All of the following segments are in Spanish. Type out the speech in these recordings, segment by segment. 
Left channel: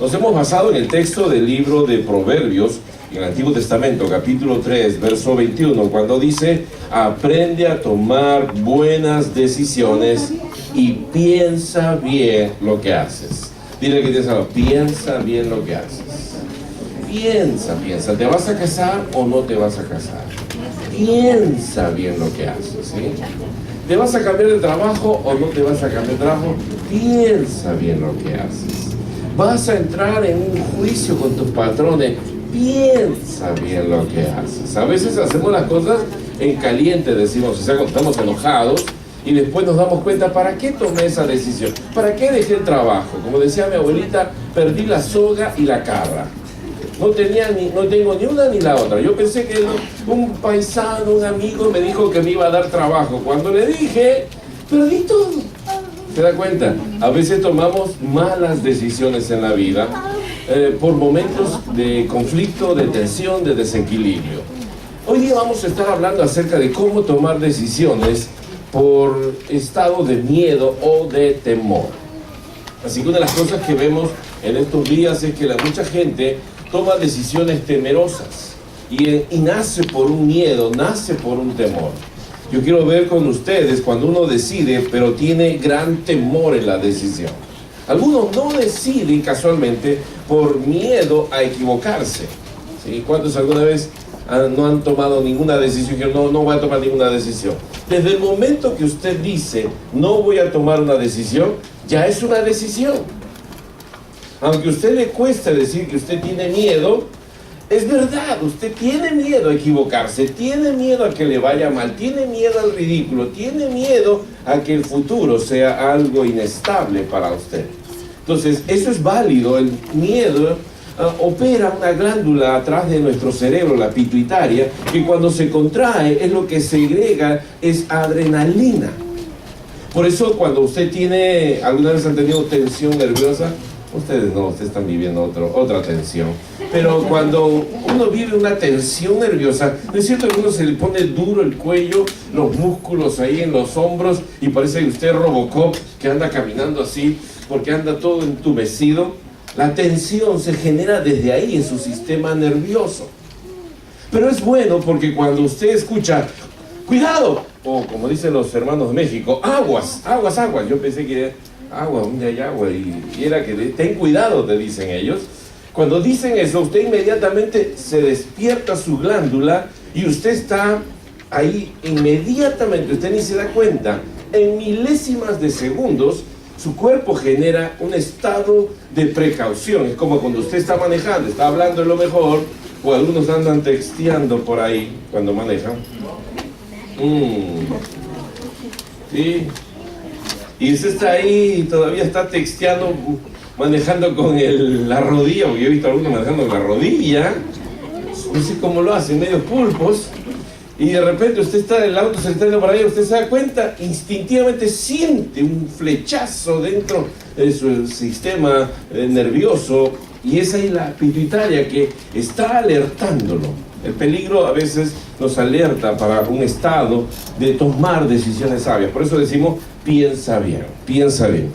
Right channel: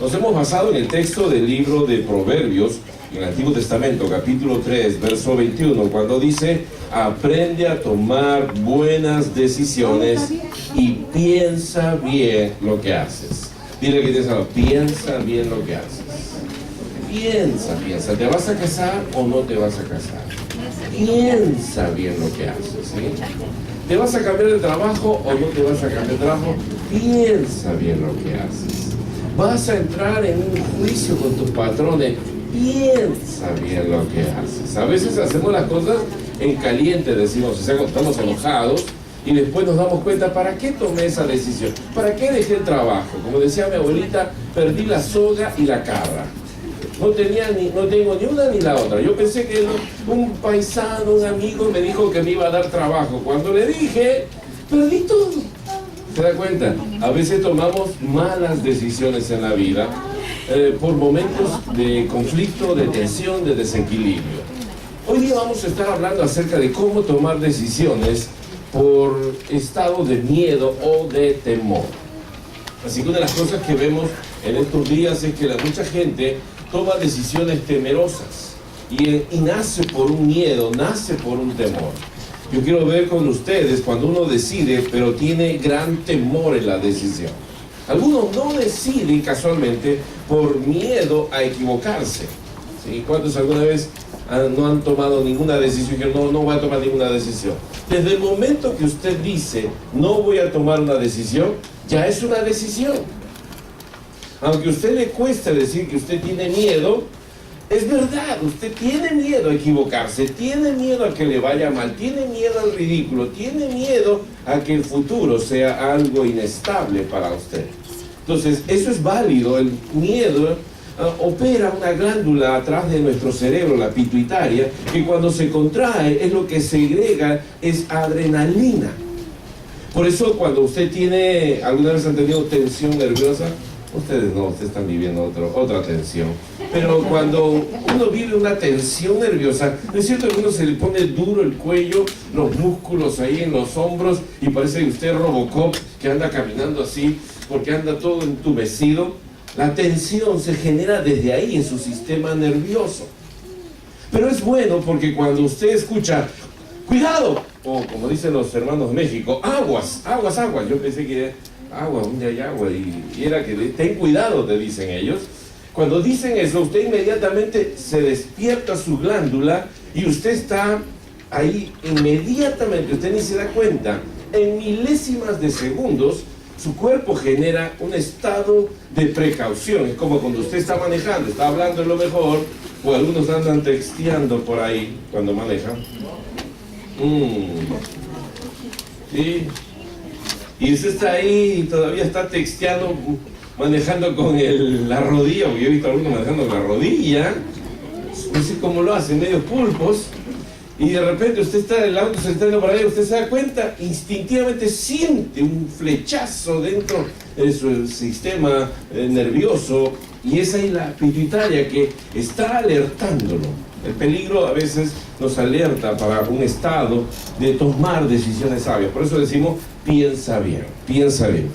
Nos hemos basado en el texto del libro de Proverbios, en el Antiguo Testamento, capítulo 3, verso 21, cuando dice: aprende a tomar buenas decisiones y piensa bien lo que haces. Dile que tienes algo, piensa bien lo que haces. Piensa, ¿te vas a casar o no te vas a casar? Piensa bien lo que haces, ¿sí? ¿Te vas a cambiar de trabajo o no te vas a cambiar de trabajo? Piensa bien lo que haces. ¿Vas a entrar en un juicio con tus patrones? Piensa bien lo que haces. A veces hacemos las cosas en caliente, decimos, o sea, cuando estamos enojados, y después nos damos cuenta, ¿para qué tomé esa decisión? ¿Para qué dejé el trabajo? Como decía mi abuelita, perdí la soga y la cabra. No tengo ni una ni la otra. Yo pensé que un paisano, un amigo me dijo que me iba a dar trabajo. Cuando le dije, perdí todo. ¿Se da cuenta? A veces tomamos malas decisiones en la vida por momentos de conflicto, de tensión, de desequilibrio. Hoy día vamos a estar hablando acerca de cómo tomar decisiones por estado de miedo o de temor. Así que una de las cosas que vemos en estos días es que mucha gente toma decisiones temerosas y nace por un miedo, nace por un temor. Yo quiero ver con ustedes cuando uno decide, pero tiene gran temor en la decisión. Algunos no deciden casualmente por miedo a equivocarse, ¿sí? ¿Cuántos alguna vez no han tomado ninguna decisión? Que no voy a tomar ninguna decisión. Desde el momento que usted dice, no voy a tomar una decisión, ya es una decisión. Aunque a usted le cuesta decir que usted tiene miedo, es verdad, usted tiene miedo a equivocarse, tiene miedo a que le vaya mal, tiene miedo al ridículo, tiene miedo a que el futuro sea algo inestable para usted. Entonces, eso es válido. El miedo opera una glándula atrás de nuestro cerebro, la pituitaria, que cuando se contrae es lo que segrega, es adrenalina. Por eso cuando usted tiene, ¿alguna vez han tenido tensión nerviosa? Ustedes no, ustedes están viviendo otra tensión. Pero cuando uno vive una tensión nerviosa, es cierto que uno se le pone duro el cuello, los músculos ahí en los hombros, y parece que usted es Robocop, que anda caminando así, porque anda todo entumecido. La tensión se genera desde ahí, en su sistema nervioso. Pero es bueno porque cuando usted escucha, ¡cuidado! O como dicen los hermanos de México, ¡aguas, aguas, aguas! Yo pensé que agua, hay agua, y era que ten cuidado, te dicen ellos. Cuando dicen eso, usted inmediatamente se despierta su glándula y usted está ahí inmediatamente, usted ni se da cuenta, en milésimas de segundos, su cuerpo genera un estado de precaución. Es como cuando usted está manejando, está hablando en lo mejor, o algunos andan texteando por ahí cuando manejan. Sí. Y usted está ahí y todavía está texteando, manejando con la rodilla, porque yo he visto a algunos manejando con la rodilla. No sé cómo lo hacen, medio pulpos. Y de repente usted está en el auto, se está yendo por ahí, usted se da cuenta, instintivamente siente un flechazo dentro de su sistema nervioso. Y es ahí la pituitaria que está alertándolo. El peligro a veces nos alerta para un estado de tomar decisiones sabias. Por eso decimos, piensa bien, piensa bien.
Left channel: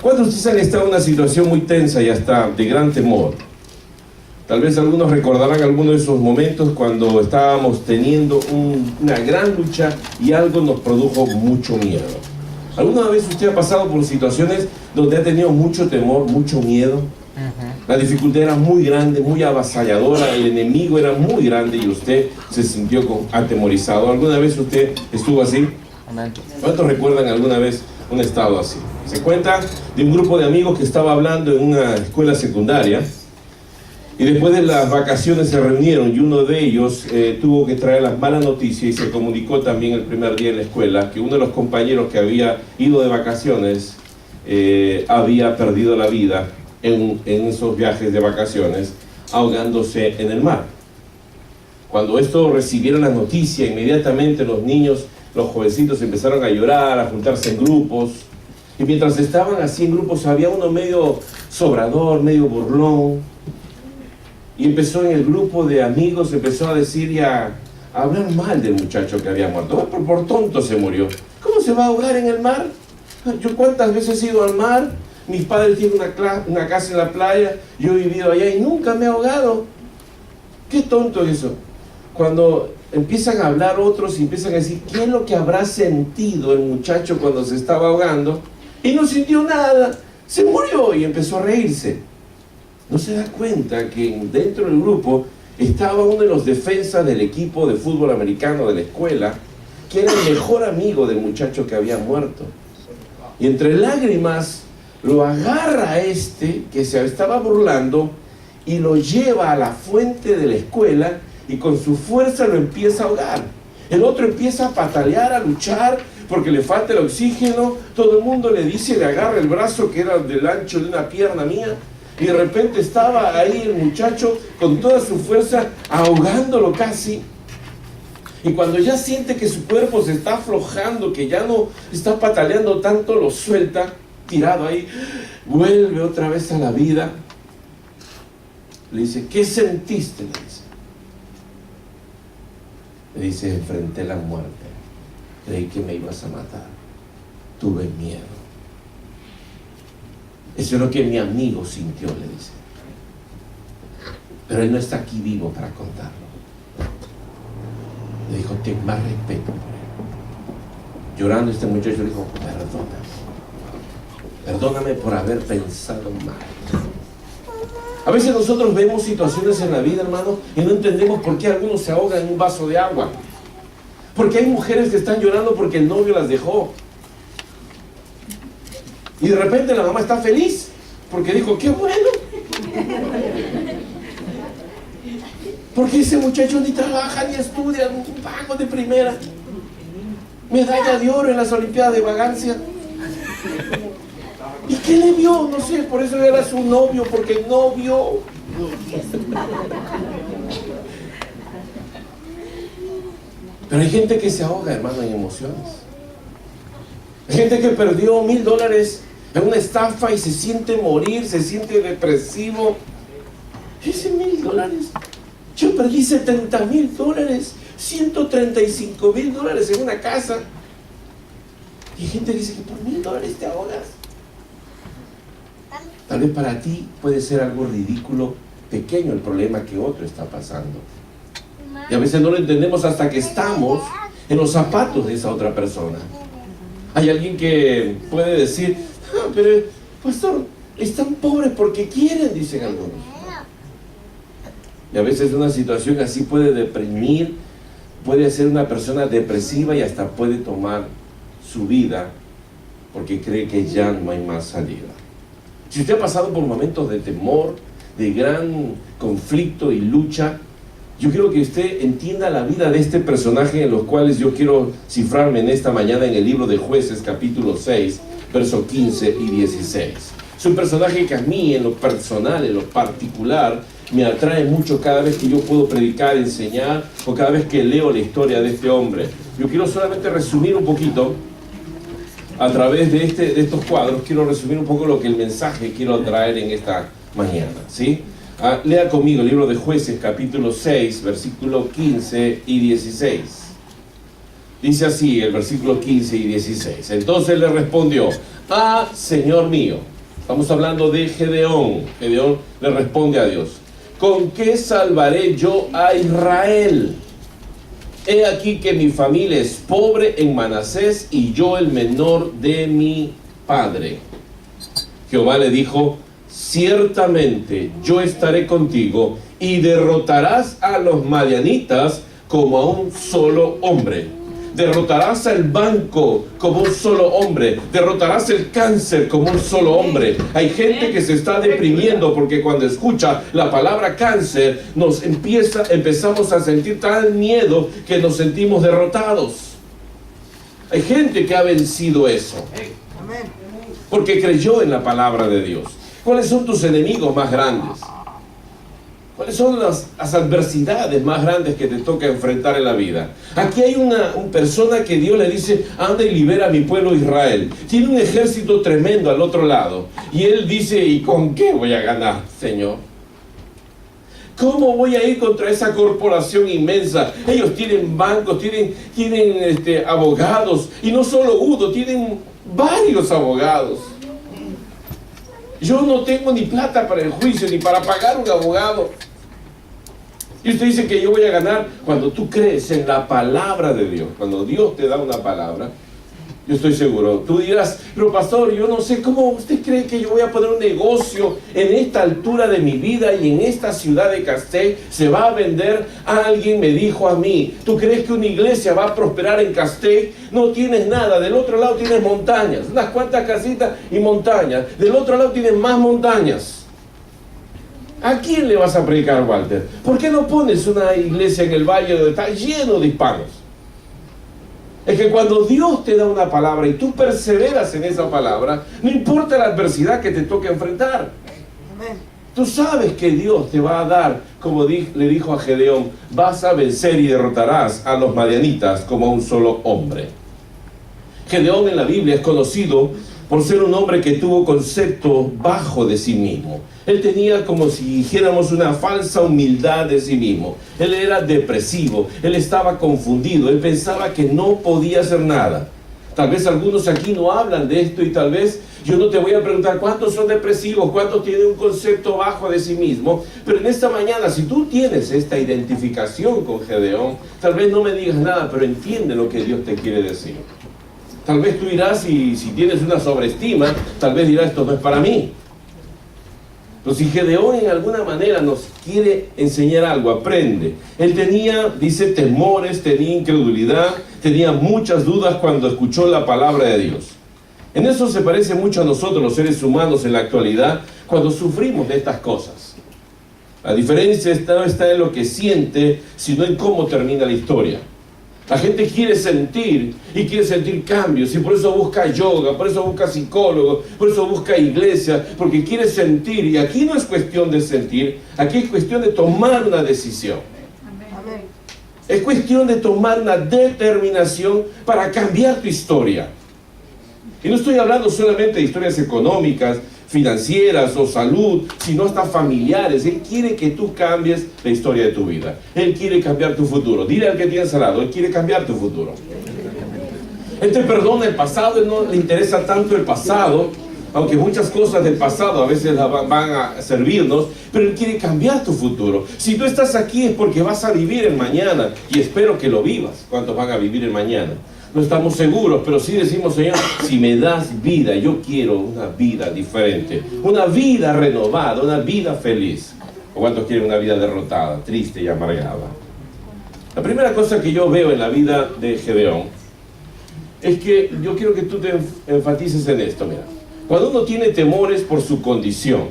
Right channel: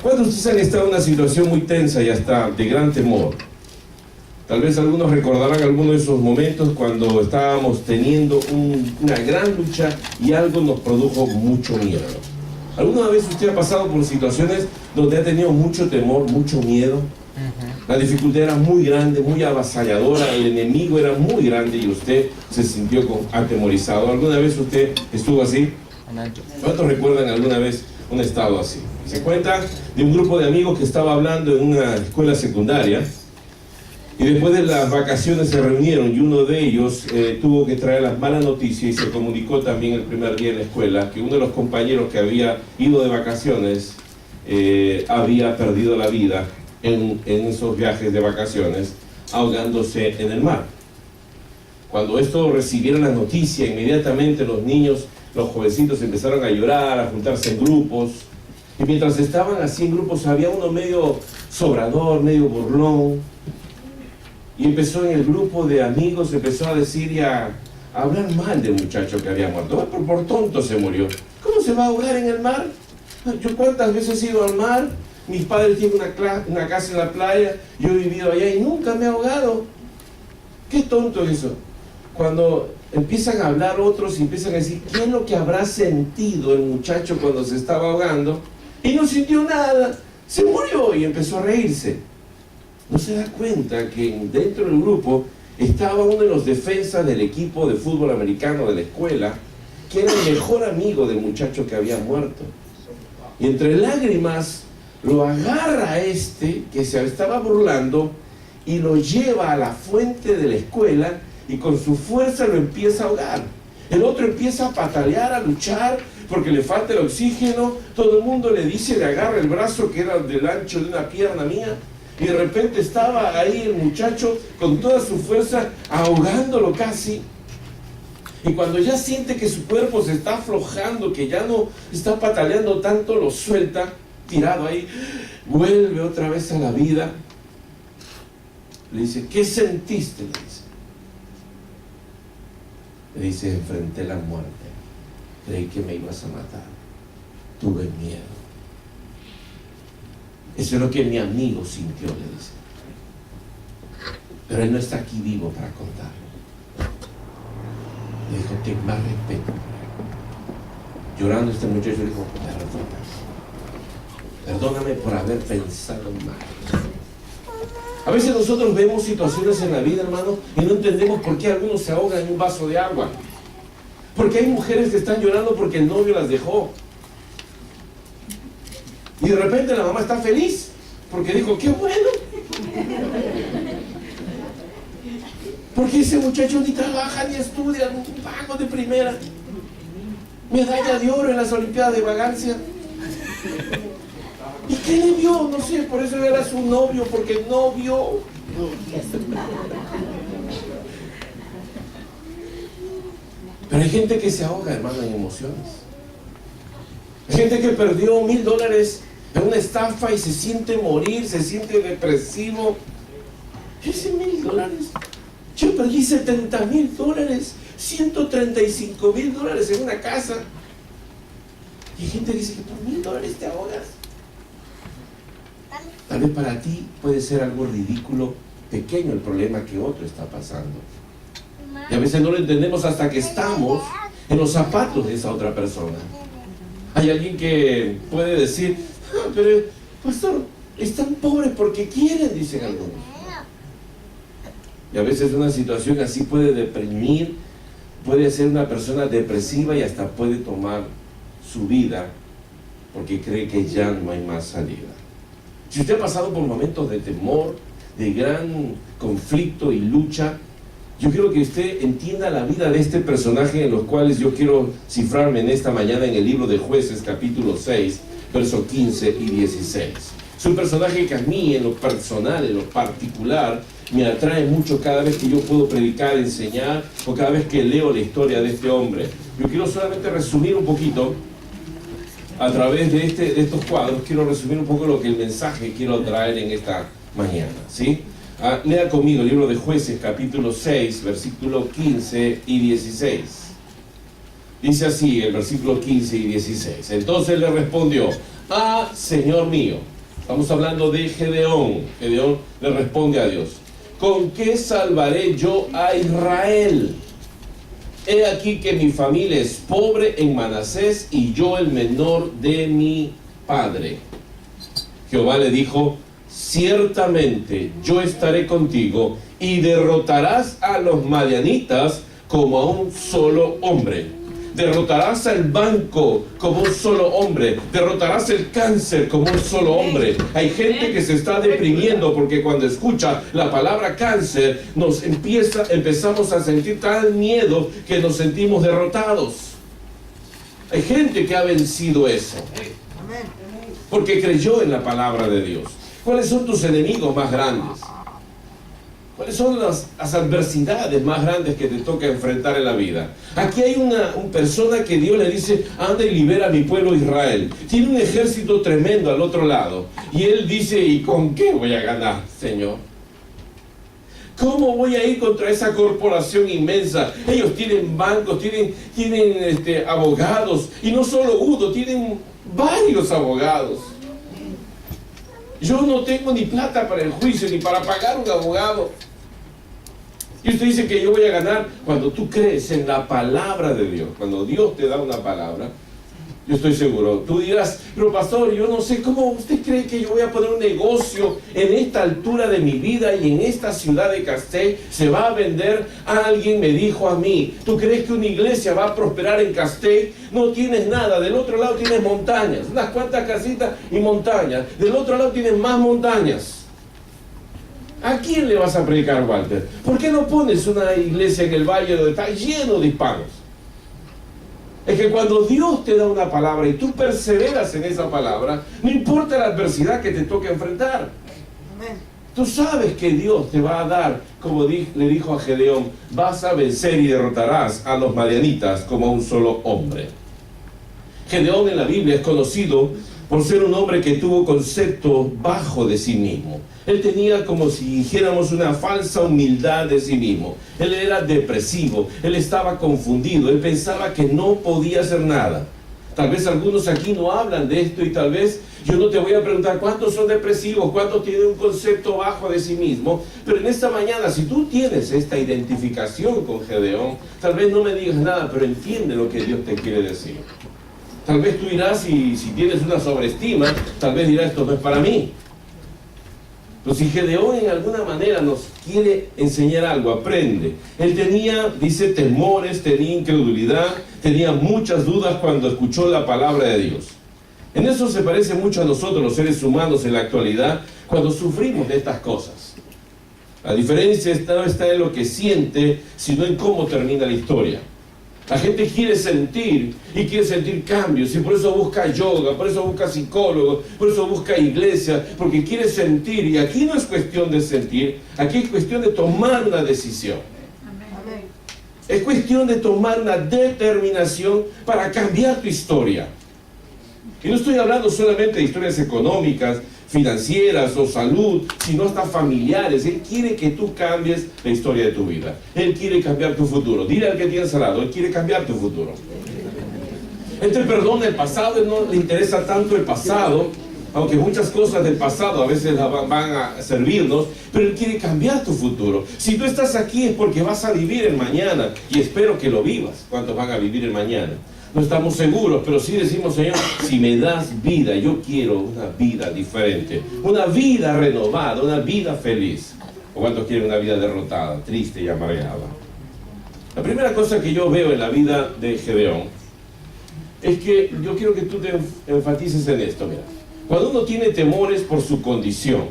Cuando ustedes han estado en una situación muy tensa y hasta de gran temor, tal vez algunos recordarán algunos de esos momentos cuando estábamos teniendo una gran lucha y algo nos produjo mucho miedo. ¿Alguna vez usted ha pasado por situaciones donde ha tenido mucho temor, mucho miedo? La dificultad era muy grande, muy avasalladora, el enemigo era muy grande y usted se sintió atemorizado. ¿Alguna vez usted estuvo así? ¿Cuántos recuerdan alguna vez un estado así? Se cuenta de un grupo de amigos que estaba hablando en una escuela secundaria y después de las vacaciones se reunieron y uno de ellos tuvo que traer las malas noticias y se comunicó también el primer día en la escuela que uno de los compañeros que había ido de vacaciones había perdido la vida en esos viajes de vacaciones, ahogándose en el mar. Cuando esto recibieron la noticia, inmediatamente los niños, los jovencitos empezaron a llorar, a juntarse en grupos, y mientras estaban así en grupos había uno medio sobrador, medio burlón, y empezó en el grupo de amigos, empezó a decir y a hablar mal del muchacho que había muerto. Por tonto se murió. ¿Cómo se va a ahogar en el mar? ¿Yo cuántas veces he ido al mar? mis padres tienen una casa en la playa, yo he vivido allá y nunca me he ahogado. Qué tonto es eso. Cuando empiezan a hablar otros y empiezan a decir, ¿qué es lo que habrá sentido el muchacho cuando se estaba ahogando? Y no sintió nada, se murió y empezó a reírse. No se da cuenta que dentro del grupo estaba uno de los defensas del equipo de fútbol americano de la escuela, que era el mejor amigo del muchacho que había muerto. Y entre lágrimas lo agarra que se estaba burlando, y lo lleva a la fuente de la escuela y con su fuerza lo empieza a ahogar. El otro empieza a patalear, a luchar porque le falta el oxígeno. Todo el mundo le dice, le agarra el brazo que era del ancho de una pierna mía, y de repente estaba ahí el muchacho con toda su fuerza ahogándolo casi. Y cuando ya siente que su cuerpo se está aflojando, que ya no está pataleando tanto, lo suelta, tirado ahí, vuelve otra vez a la vida. Le dice, ¿qué sentiste? Le dice, enfrenté la muerte. Creí que me ibas a matar. Tuve miedo. Eso es lo que mi amigo sintió, le dice. Pero él no está aquí vivo para contarlo. Le dijo, ten más respeto por él. Llorando este muchacho le dijo, perdóname por haber pensado mal. A veces nosotros vemos situaciones en la vida, hermano, y no entendemos por qué algunos se ahogan en un vaso de agua. Porque hay mujeres que están llorando porque el novio las dejó. Y de repente la mamá está feliz porque dijo, qué bueno. Porque ese muchacho ni trabaja ni estudia, un vago de primera. Medalla de oro en las Olimpiadas de vagancia. ¿Y qué le vio? No sé, por eso era su novio, porque no vio. Pero hay gente que se ahoga, hermano, en emociones. Hay gente que perdió $1,000 en una estafa y se siente morir, se siente depresivo. Ese $1,000, yo perdí $70,000, $135,000 en una casa. Y hay gente que dice que por $1,000 te ahogas. Tal vez para ti puede ser algo ridículo, pequeño el problema que otro está pasando. Y a veces no lo entendemos hasta que estamos en los zapatos de esa otra persona. Hay alguien que puede decir, pero pastor, están pobres porque quieren, dicen algunos. Y a veces una situación así puede deprimir, puede ser una persona depresiva y hasta puede tomar su vida porque cree que ya no hay más salida. Si usted ha pasado por momentos de temor, de gran conflicto y lucha, yo quiero que usted entienda la vida de este personaje en los cuales yo quiero cifrarme en esta mañana en el libro de Jueces, capítulo 6, versos 15 y 16. Es un personaje que a mí, en lo personal, en lo particular, me atrae mucho cada vez que yo puedo predicar, enseñar, o cada vez que leo la historia de este hombre. Yo quiero solamente resumir un poquito, a través de estos cuadros, quiero resumir un poco lo que el mensaje quiero traer en esta mañana, ¿sí? Lea conmigo el libro de Jueces, capítulo 6, versículo 15 y 16. Dice así el versículo 15 y 16. Entonces le respondió, Señor mío. Estamos hablando de Gedeón. Gedeón le responde a Dios, ¿con qué salvaré yo a Israel? He aquí que mi familia es pobre en Manasés y yo el menor de mi padre. Jehová le dijo, ciertamente yo estaré contigo y derrotarás a los madianitas como a un solo hombre. Derrotarás al banco como un solo hombre. Derrotarás el cáncer como un solo hombre. Hay gente que se está deprimiendo porque cuando escucha la palabra cáncer empezamos a sentir tal miedo que nos sentimos derrotados. Hay gente que ha vencido eso porque creyó en la palabra de Dios. ¿Cuáles son tus enemigos más grandes? ¿Cuáles son las adversidades más grandes que te toca enfrentar en la vida? Aquí hay una persona que Dios le dice, anda y libera a mi pueblo Israel. Tiene un ejército tremendo al otro lado. Y él dice, ¿y con qué voy a ganar, Señor? ¿Cómo voy a ir contra esa corporación inmensa? Ellos tienen bancos, tienen abogados. Y no solo uno, tienen varios abogados. Yo no tengo ni plata para el juicio, ni para pagar un abogado. Y usted dice que yo voy a ganar. Cuando tú crees en la palabra de Dios, cuando Dios te da una palabra, yo estoy seguro, tú dirás, pero pastor, yo no sé cómo usted cree que yo voy a poner un negocio en esta altura de mi vida y en esta ciudad de Castell se va a vender. Alguien me dijo a mí, ¿tú crees que una iglesia va a prosperar en Castell? No tienes nada, del otro lado tienes montañas, unas cuantas casitas y montañas, del otro lado tienes más montañas. ¿A quién le vas a predicar, Walter? ¿Por qué no pones una iglesia en el valle donde está lleno de hispanos? Es que cuando Dios te da una palabra y tú perseveras en esa palabra, no importa la adversidad que te toque enfrentar. Tú sabes que Dios te va a dar, como le dijo a Gedeón, vas a vencer y derrotarás a los madianitas como a un solo hombre. Gedeón en la Biblia es conocido por ser un hombre que tuvo concepto bajo de sí mismo. Él tenía, como si dijéramos, una falsa humildad de sí mismo. Él era depresivo, él estaba confundido, él pensaba que no podía hacer nada. Tal vez algunos aquí no hablan de esto y tal vez yo no te voy a preguntar cuántos son depresivos, cuántos tienen un concepto bajo de sí mismo, pero en esta mañana, si tú tienes esta identificación con Gedeón, tal vez no me digas nada, pero entiende lo que Dios te quiere decir. Tal vez tú dirás, y si tienes una sobreestima, tal vez dirás, esto no es para mí. Pero si Gedeón en alguna manera nos quiere enseñar algo, aprende. Él tenía, dice, temores, tenía incredulidad, tenía muchas dudas cuando escuchó la palabra de Dios. En eso se parece mucho a nosotros, los seres humanos, en la actualidad, cuando sufrimos de estas cosas. La diferencia no está en lo que siente, sino en cómo termina la historia. La gente quiere sentir y quiere sentir cambios y por eso busca yoga, por eso busca psicólogo, por eso busca iglesia, porque quiere sentir. Y aquí no es cuestión de sentir, aquí es cuestión de tomar una decisión. Amén. Es cuestión de tomar una determinación para cambiar tu historia. Y no estoy hablando solamente de historias económicas, financieras o salud, sino hasta familiares. Él quiere que tú cambies la historia de tu vida. Él quiere cambiar tu futuro. Dile al que tienes al lado, Él quiere cambiar tu futuro. Él te perdona el pasado, Él no le interesa tanto el pasado, aunque muchas cosas del pasado a veces van a servirnos, pero Él quiere cambiar tu futuro. Si tú estás aquí es porque vas a vivir el mañana, y espero que lo vivas. ¿Cuántos van a vivir el mañana? No estamos seguros, pero sí decimos, Señor, si me das vida, yo quiero una vida diferente, una vida renovada, una vida feliz. ¿O cuántos quieren una vida derrotada, triste y amargada? La primera cosa que yo veo en la vida de Gedeón es que yo quiero que tú te enfatices en esto. Mira, cuando uno tiene temores por su condición,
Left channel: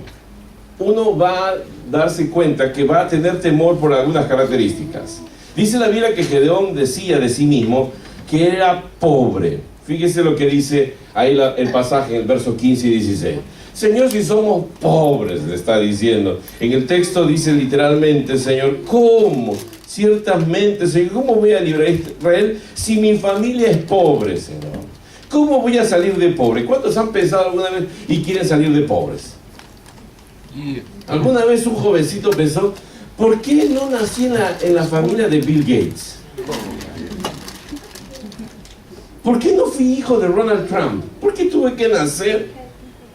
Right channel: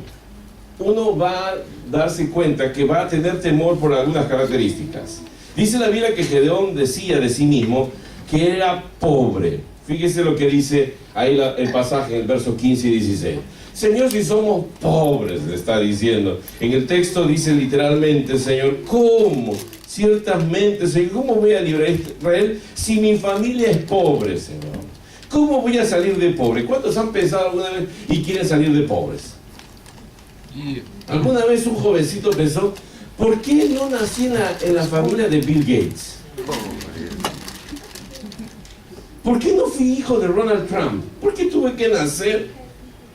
uno va a darse cuenta que va a tener temor por algunas características. Dice la Biblia que Gedeón decía de sí mismo que era pobre. Fíjese lo que dice ahí el pasaje en el verso 15 y 16. Señor, si somos pobres, le está diciendo. En el texto dice literalmente, Señor, ¿cómo? Ciertamente, Señor, ¿cómo voy a librar a Israel si mi familia es pobre, Señor? ¿Cómo voy a salir de pobre? ¿Cuántos han pensado alguna vez y quieren salir de pobres? ¿Alguna vez un jovencito pensó, ¿por qué no nací en la familia de Bill Gates? ¿Por qué no fui hijo de Donald Trump? ¿Por qué tuve que nacer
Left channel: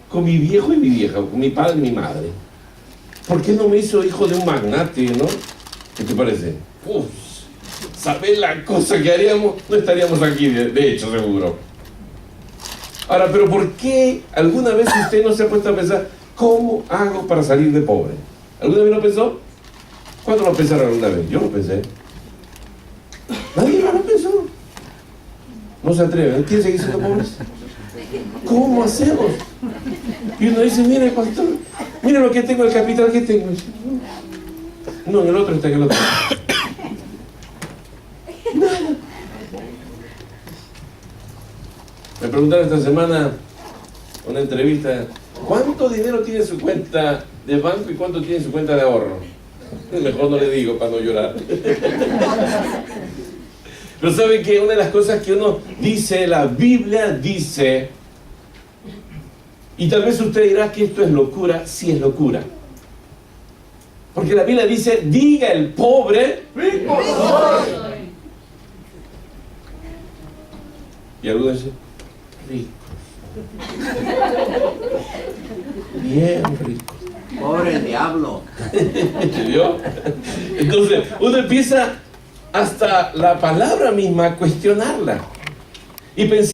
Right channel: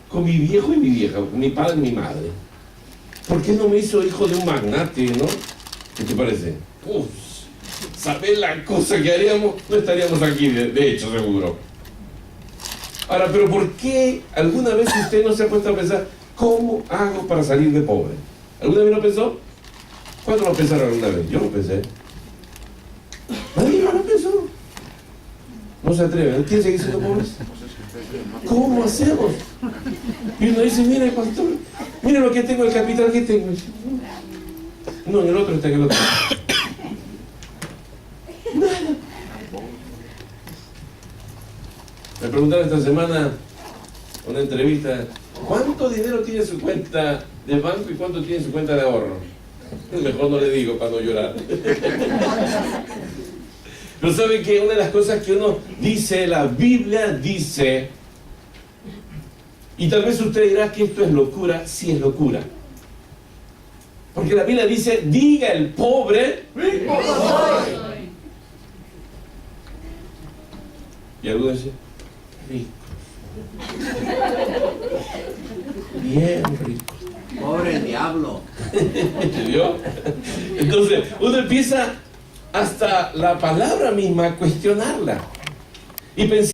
con mi viejo y mi vieja, con mi padre y mi madre? ¿Por qué no me hizo hijo de un magnate, no? ¿Qué te parece? Uf, ¿sabes la cosa que haríamos? No estaríamos aquí, de hecho, seguro. Ahora, pero ¿por qué alguna vez usted no se ha puesto a pensar, ¿cómo hago para salir de pobre? ¿Alguna vez lo pensó? ¿Cuándo lo pensaron alguna vez? Yo lo pensé. Nadie más lo pensó. No se atreven. ¿Quién sigue siendo pobres? ¿Cómo hacemos? Y uno dice, mire, pastor, mire lo que tengo, el capital que tengo. No, en el otro está en el otro. Nada. Me preguntaron esta semana, una entrevista, ¿cuánto dinero tiene su cuenta de banco y cuánto tiene su cuenta de ahorro? Mejor no le digo para no llorar. Pero ¿saben qué? Una de las cosas que uno dice, la Biblia dice, y tal vez usted dirá que esto es locura, sí es locura. Porque la Biblia dice, diga el pobre, rico soy. Y algunos dicen, rico. bien rico. Pobre diablo. ¿Vio? Entonces, uno empieza hasta la palabra misma a cuestionarla. Y pensar